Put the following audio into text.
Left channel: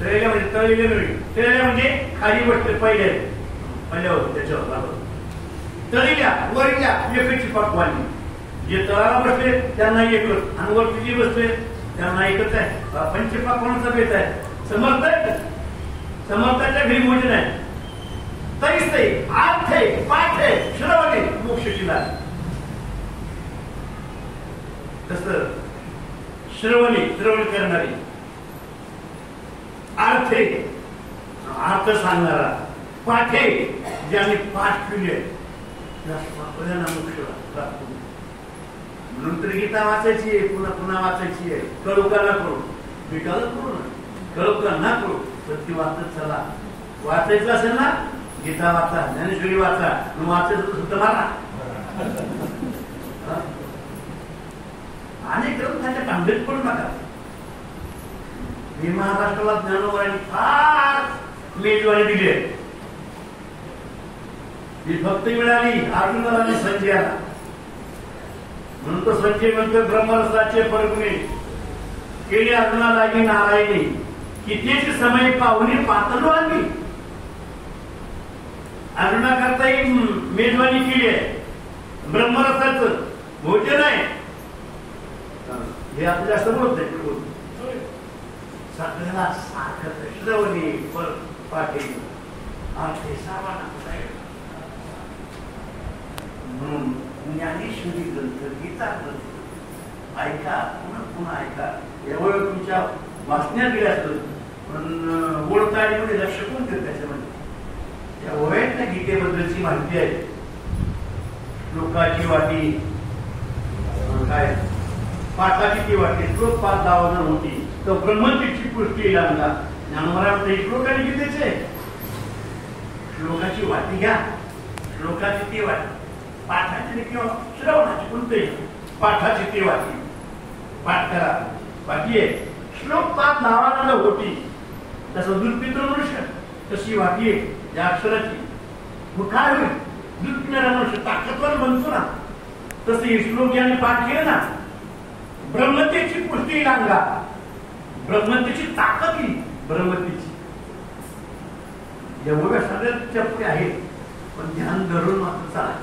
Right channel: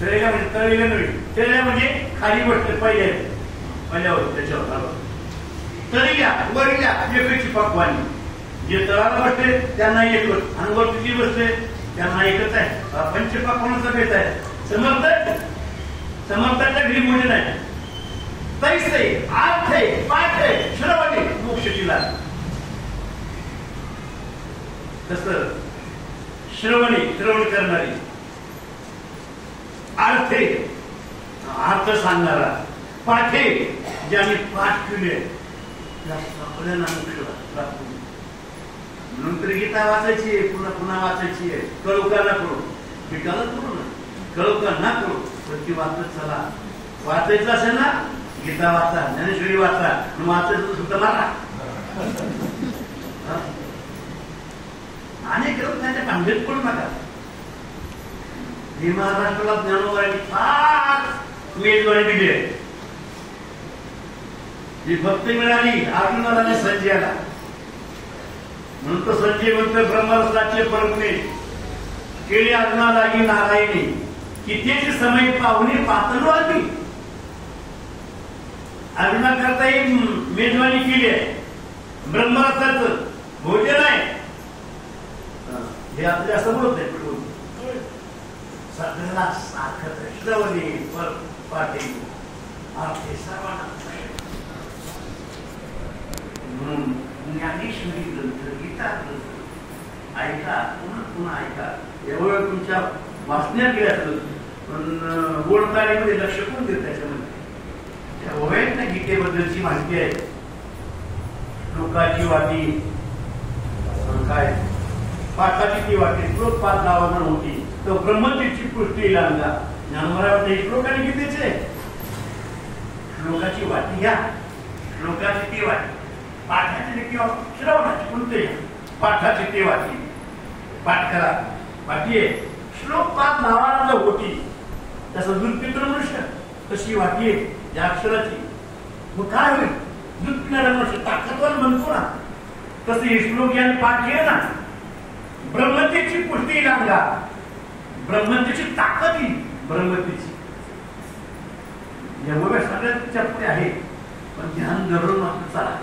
तळलेल्या म्हणजे तळलेल्या नव्हे, तळलेल्या म्हणजे खाली बसते पहिल्यावर त्याच्यावर तळलेल्या वरल्या एकची पकवानी. जे तळाला बसले त्यांना एकच आणि वरती जे बसले त्यांना एकच आहे. पंचपक्वानाचा भेद आहे. समर्थाच्या घरी मोठे नाही. तैसे आर्थे पाठे श्रवणे मोक्षची लाट. तसं श्रवण करणारी, अर्थे अर्थ सांगणारा, पाठे ज्याने पाठ केले नंतर गीता वाचायची आहे, पुन्हा पुन्हा वाचायची आहे. कळू का ना करू, भेटायला करू ना, कळू का ना करू, तर ती वाचत चला. वाचायचं असेल ना गीता वाचा, ज्ञानेश्वरी वाचा, वाचायचं सुद्धा मारा. अनेक ग्रंथ त्यांच्या कांबेत पडू नका. हे महाराष्ट्राला ज्ञानोबरांनी फार मेजवारी दिली आहे. ही भक्ती मिळाली अर्जुनाला आणि संजयाला. म्हणून तो संजय म्हणतोय ब्रह्मरसाचे परगुणे केले अर्जुनाला ही नारायणी, कितीचे समय पाहुणे पातळू आम्ही. अर्जुना करता ही मेजवानी केली आहे. ब्रह्मरसाचं भोजन आहे हे आपल्या समोर सगळ्याला सारखं श्रवणी पर पाटील अर्थे सर्वांना. म्हणून ज्ञानेश्वरी ग्रंथ, गीता ग्रंथ ऐका, पुन्हा पुन्हा ऐका. एवढं तुमच्या वाचण्यात गेले असतं पण ओळखायमध्ये लक्ष कोण देत त्याच्यामध्ये. त्या ओव्यात ना गीतेबद्दलची माहिती आहे. श्लोकाची वाटी काय, पाठाची ती वाटी, श्लोक 5 लावाजर होती तर ब्रह्मचीची पुष्टी लांगा. ज्ञानोबरावरती श्लोक आणि गीतेचे श्लोकाची वाटी घ्या, श्लोकाची ती वाटी, पाठाची किंवा श्रवणाची कोणते पाठाची ती वाटी पाठ करा. बाकी आहे श्लोक 5 लावाला होती तसं दूध मनुष्य, तशी वाटी आहे या अक्षराची. मग काय होईल, दूध पिणारा मनुष्य ताकदवर म्हणतो ना, तसं हे श्लोक यांनी पाठ केले ना, ब्रह्मतेची पुष्टी लांगा, ब्रह्मतेची ताकद ही ब्रह्मतेची. एवढ्या सगळ्या चर्चा आहे पण ध्यान धरून मात्र चाला.